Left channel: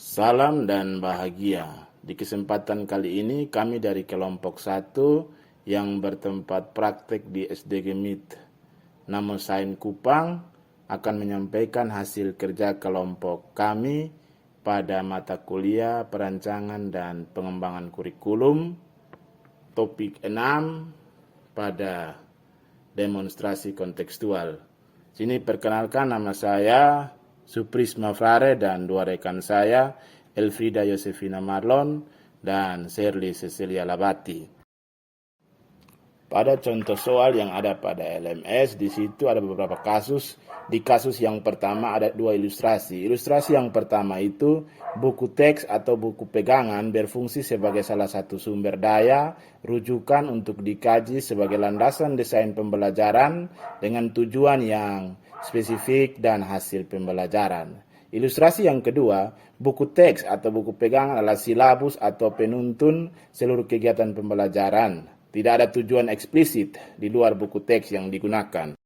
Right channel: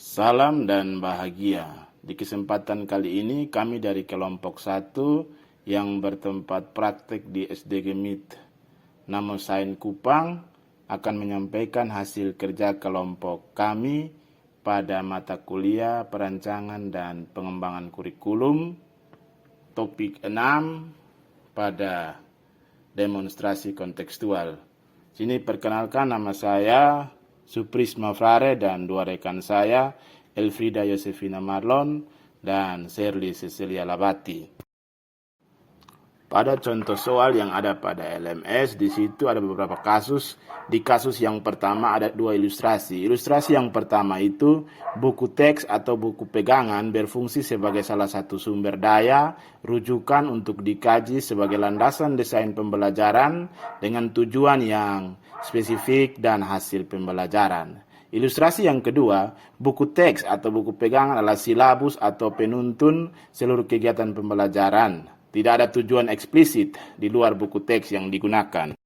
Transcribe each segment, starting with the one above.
Salam dan bahagia. Di kesempatan kali ini kami dari kelompok 1 yang bertempat praktek di SDG MIT Namo Sain Kupang akan menyampaikan hasil kerja kelompok kami pada mata kuliah perancangan dan pengembangan kurikulum topik 6 pada demonstrasi kontekstual. Sini perkenalkan, nama saya Suprisma Frare dan dua rekan saya, Elfrida Yosefina Marlon dan Shirley Cecilia Labati. Pada contoh soal yang ada pada LMS, di situ ada beberapa kasus. Di kasus yang pertama ada 2 ilustrasi. Ilustrasi yang pertama itu buku teks atau buku pegangan berfungsi sebagai salah satu sumber daya, rujukan untuk dikaji sebagai landasan desain pembelajaran dengan tujuan yang spesifik dan hasil pembelajaran. Ilustrasi yang kedua, buku teks atau buku pegangan adalah silabus atau penuntun seluruh kegiatan pembelajaran. Tidak ada tujuan eksplisit di luar buku teks yang digunakan.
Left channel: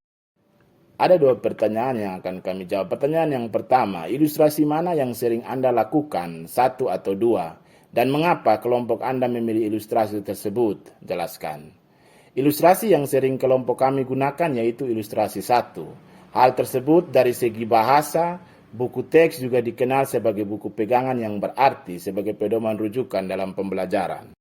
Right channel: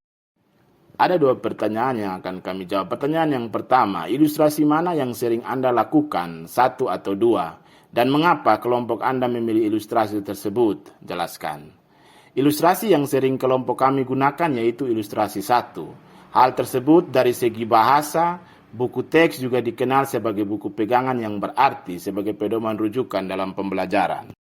Ada 2 pertanyaan yang akan kami jawab. Pertanyaan yang pertama, ilustrasi mana yang sering Anda lakukan, 1 atau 2? Dan mengapa kelompok Anda memilih ilustrasi tersebut? Jelaskan. Ilustrasi yang sering kelompok kami gunakan yaitu ilustrasi 1. Hal tersebut dari segi bahasa, buku teks juga dikenal sebagai buku pegangan yang berarti sebagai pedoman rujukan dalam pembelajaran.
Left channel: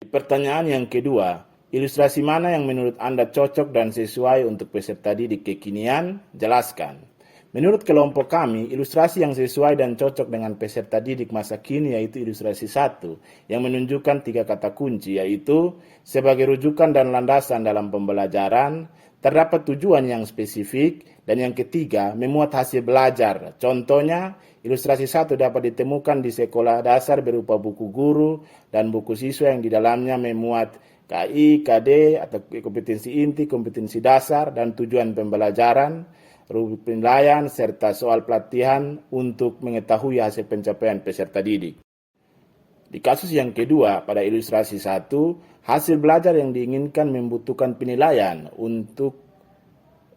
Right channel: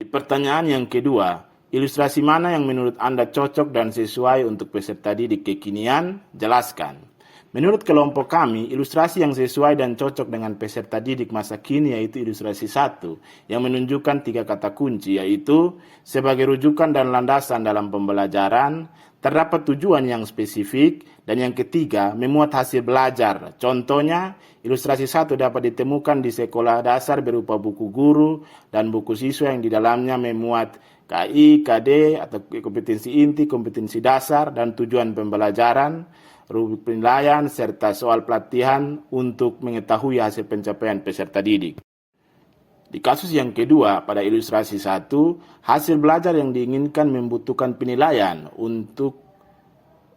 Di pertanyaan yang kedua, ilustrasi mana yang menurut Anda cocok dan sesuai untuk peserta didik kekinian? Jelaskan. Menurut kelompok kami, ilustrasi yang sesuai dan cocok dengan peserta didik masa kini yaitu ilustrasi 1 yang menunjukkan 3 kata kunci, yaitu sebagai rujukan dan landasan dalam pembelajaran, terdapat tujuan yang spesifik, dan yang ketiga, memuat hasil belajar. Contohnya, ilustrasi 1 dapat ditemukan di sekolah dasar berupa buku guru dan buku siswa yang di dalamnya memuat KI, KD atau kompetensi inti, kompetensi dasar, dan tujuan pembelajaran, rubrik penilaian, serta soal pelatihan untuk mengetahui hasil pencapaian peserta didik. Di kasus yang kedua, pada ilustrasi 1, hasil belajar yang diinginkan membutuhkan penilaian untuk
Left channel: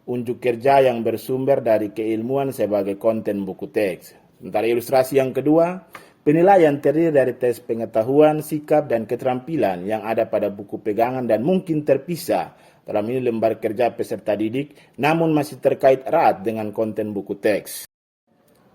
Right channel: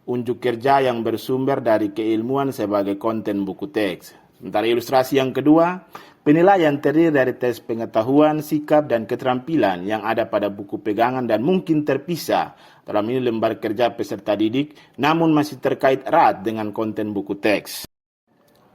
unjuk kerja yang bersumber dari keilmuan sebagai konten buku teks. Sementara ilustrasi yang kedua, penilaian terdiri dari tes pengetahuan, sikap, dan keterampilan yang ada pada buku pegangan dan mungkin terpisah dalam ini lembar kerja peserta didik, namun masih terkait erat dengan konten buku teks.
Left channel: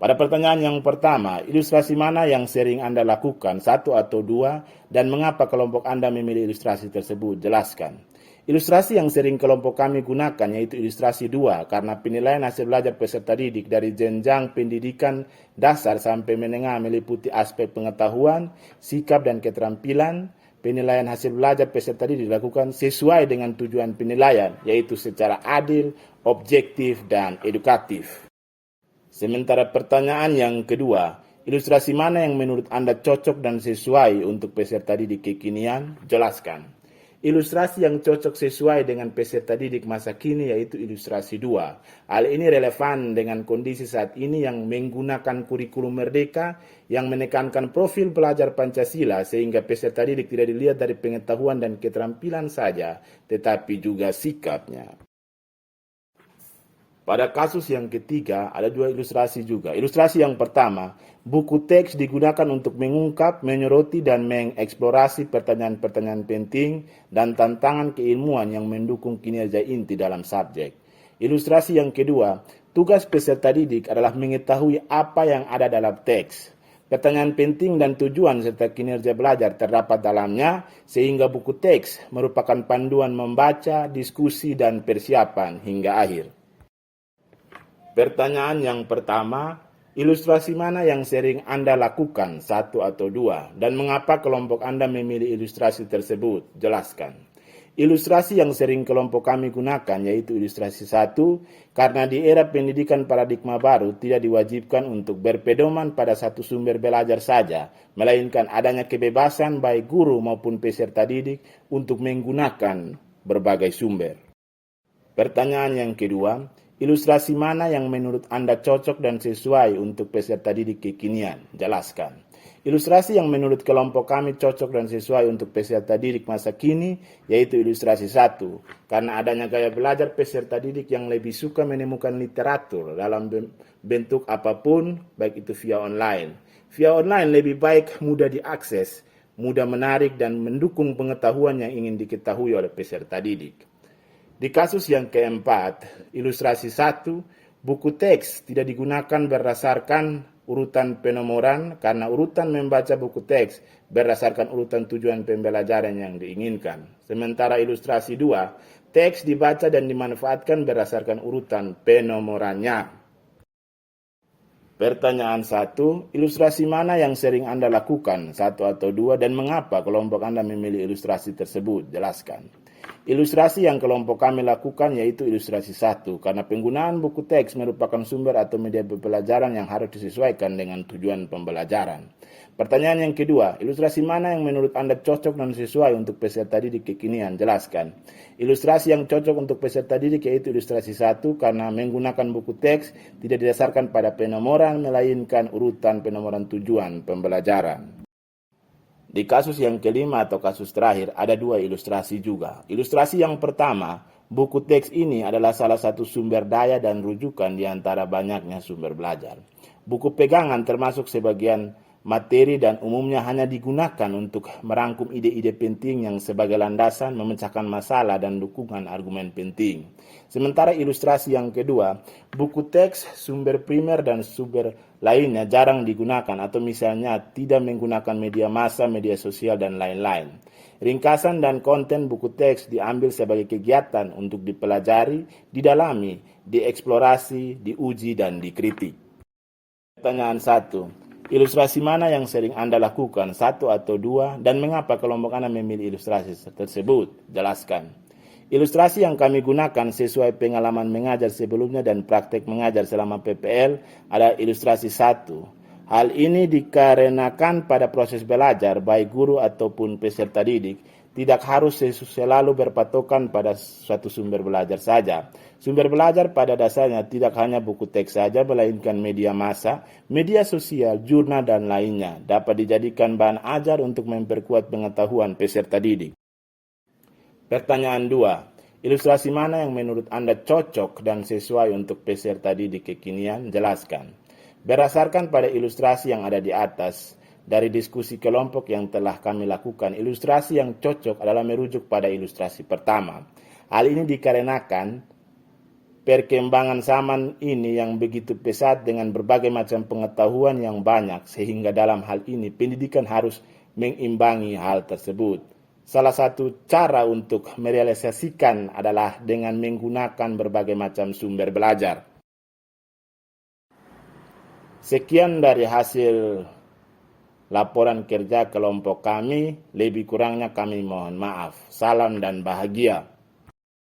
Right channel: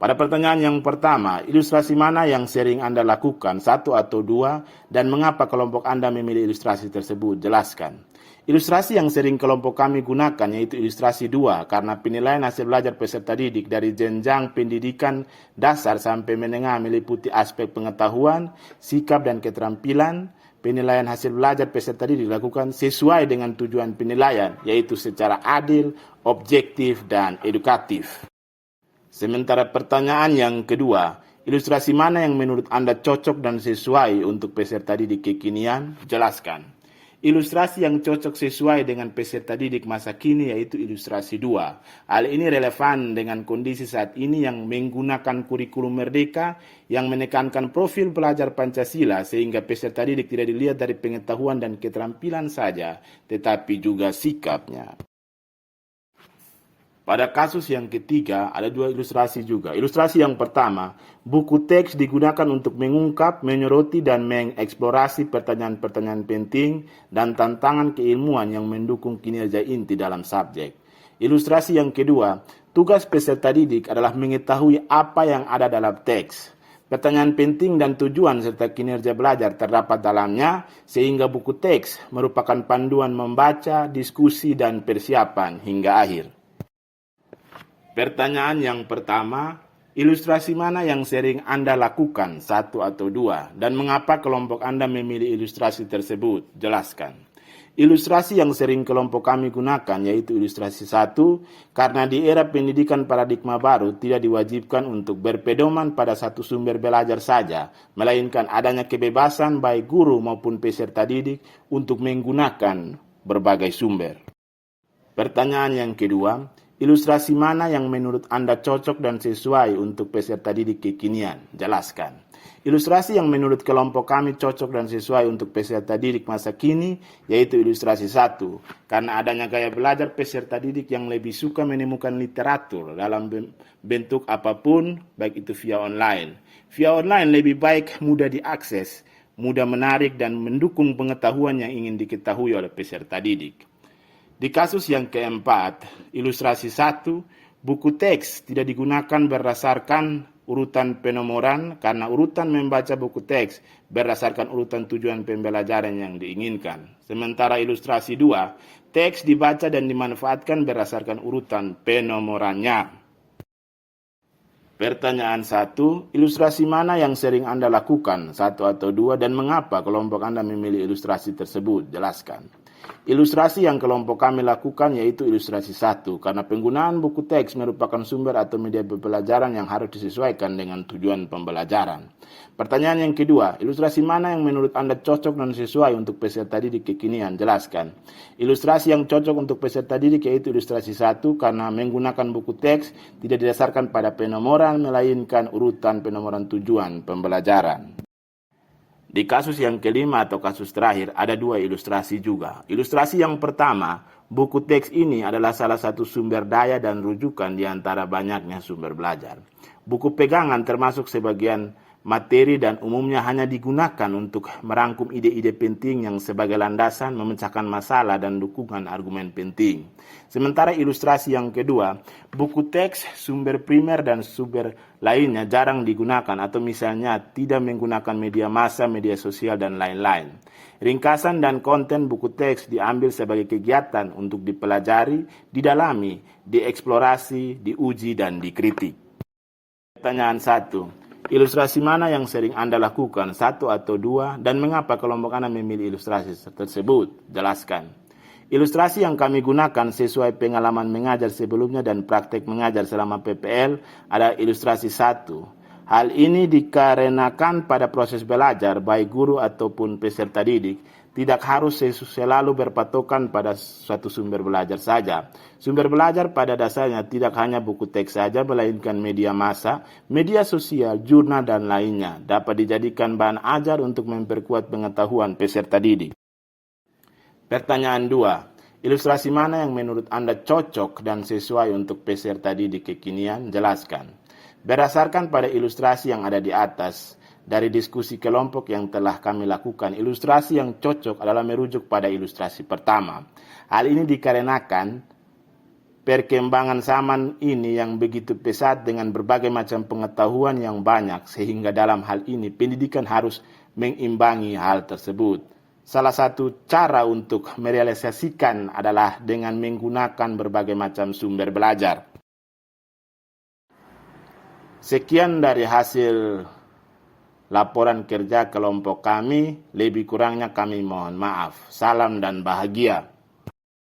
Pada pertanyaan yang pertama, ilustrasi mana yang sering Anda lakukan, 1 atau 2, dan mengapa kelompok Anda memilih ilustrasi tersebut? Jelaskan. Ilustrasi yang sering kelompok kami gunakan yaitu ilustrasi 2 karena penilaian hasil belajar peserta didik dari jenjang pendidikan dasar sampai menengah meliputi aspek pengetahuan, sikap, dan keterampilan. Penilaian hasil belajar peserta didik dilakukan sesuai dengan tujuan penilaian, yaitu secara adil, objektif, dan edukatif. Sementara pertanyaan yang kedua, ilustrasi mana yang menurut Anda cocok dan sesuai untuk peserta didik kekinian? Jelaskan. Ilustrasi yang cocok sesuai dengan peserta didik masa kini yaitu ilustrasi 2. Hal ini relevan dengan kondisi saat ini yang menggunakan kurikulum merdeka yang menekankan profil pelajar Pancasila sehingga peserta didik tidak dilihat dari pengetahuan dan keterampilan saja, tetapi juga sikapnya. Pada kasus yang ketiga, ada 2 ilustrasi juga. Ilustrasi yang pertama, buku teks digunakan untuk mengungkap, menyoroti, dan mengeksplorasi pertanyaan-pertanyaan penting dan tantangan keilmuan yang mendukung kinerja inti dalam subjek. Ilustrasi yang kedua, tugas peserta didik adalah mengetahui apa yang ada dalam teks. Pertanyaan penting dan tujuan serta kinerja belajar terdapat dalamnya, sehingga buku teks merupakan panduan membaca, diskusi, dan persiapan hingga akhir. Pertanyaan yang pertama, ilustrasi mana yang sering Anda lakukan, 1 atau 2, dan mengapa kelompok Anda memilih ilustrasi tersebut? Jelaskan. Ilustrasi yang sering kelompok kami gunakan yaitu ilustrasi 1, karena di era pendidikan paradigma baru tidak diwajibkan untuk berpedoman pada satu sumber belajar saja, melainkan adanya kebebasan baik guru maupun peserta didik untuk menggunakan berbagai sumber. Pertanyaan yang kedua, ilustrasi mana yang menurut Anda cocok dan sesuai untuk peserta didik kekinian? Jelaskan. Ilustrasi yang menurut kelompok kami cocok dan sesuai untuk peserta didik masa kini yaitu ilustrasi 1. Karena adanya gaya belajar peserta didik yang lebih suka menemukan literatur dalam bentuk apapun, baik itu via online. Via online lebih baik mudah diakses, mudah menarik dan mendukung pengetahuan yang ingin diketahui oleh peserta didik. Di kasus yang keempat, ilustrasi 1, buku teks tidak digunakan berdasarkan urutan penomoran karena urutan membaca buku teks berdasarkan urutan tujuan pembelajaran yang diinginkan. Sementara ilustrasi 2, teks dibaca dan dimanfaatkan berdasarkan urutan penomorannya. Pertanyaan 1, ilustrasi mana yang sering Anda lakukan, 1 atau 2, dan mengapa kelompok Anda memilih ilustrasi tersebut? Jelaskan. Ilustrasi yang kelompok kami lakukan yaitu ilustrasi 1, karena penggunaan buku teks merupakan sumber atau media pembelajaran yang harus disesuaikan dengan tujuan pembelajaran. Pertanyaan yang kedua, ilustrasi mana yang menurut Anda cocok dan sesuai untuk peserta didik kekinian? Jelaskan. Ilustrasi yang cocok untuk peserta didik yaitu ilustrasi 1 karena menggunakan buku teks tidak didasarkan pada penomoran melainkan urutan penomoran tujuan pembelajaran. Di kasus yang kelima atau kasus terakhir ada 2 ilustrasi juga. Ilustrasi yang pertama, buku teks ini adalah salah satu sumber daya dan rujukan di antara banyaknya sumber belajar. Buku pegangan termasuk sebagian materi dan umumnya hanya digunakan untuk merangkum ide-ide penting yang sebagai landasan memecahkan masalah dan dukungan argumen penting. Sementara ilustrasi yang kedua, buku teks, sumber primer dan sumber lainnya jarang digunakan atau misalnya tidak menggunakan media massa, media sosial dan lain-lain. Ringkasan dan konten buku teks diambil sebagai kegiatan untuk dipelajari, didalami, dieksplorasi, diuji dan dikritik. Pertanyaan 1. Ilustrasi mana yang sering Anda lakukan, 1 atau 2, dan mengapa kelompok Anda memilih ilustrasi tersebut? Jelaskan. Ilustrasi yang kami gunakan sesuai pengalaman mengajar sebelumnya dan praktek mengajar selama PPL ada ilustrasi 1. Hal ini dikarenakan pada proses belajar, baik guru ataupun peserta didik, tidak harus selalu berpatokan pada suatu sumber belajar saja. Sumber belajar pada dasarnya tidak hanya buku teks saja, melainkan media massa, media sosial, jurnal, dan lainnya dapat dijadikan bahan ajar untuk memperkuat pengetahuan peserta didik. Pertanyaan 2. Ilustrasi mana yang menurut Anda cocok dan sesuai untuk peserta didik kekinian? Jelaskan. Berdasarkan pada ilustrasi yang ada di atas, dari diskusi kelompok yang telah kami lakukan, ilustrasi yang cocok adalah merujuk pada ilustrasi pertama. Hal ini dikarenakan perkembangan zaman ini yang begitu pesat dengan berbagai macam pengetahuan yang banyak, sehingga dalam hal ini pendidikan harus mengimbangi hal tersebut. Salah satu cara untuk merealisasikan adalah dengan menggunakan berbagai macam sumber belajar. Sekian dari hasil laporan kerja kelompok kami, lebih kurangnya kami mohon maaf. Salam dan bahagia.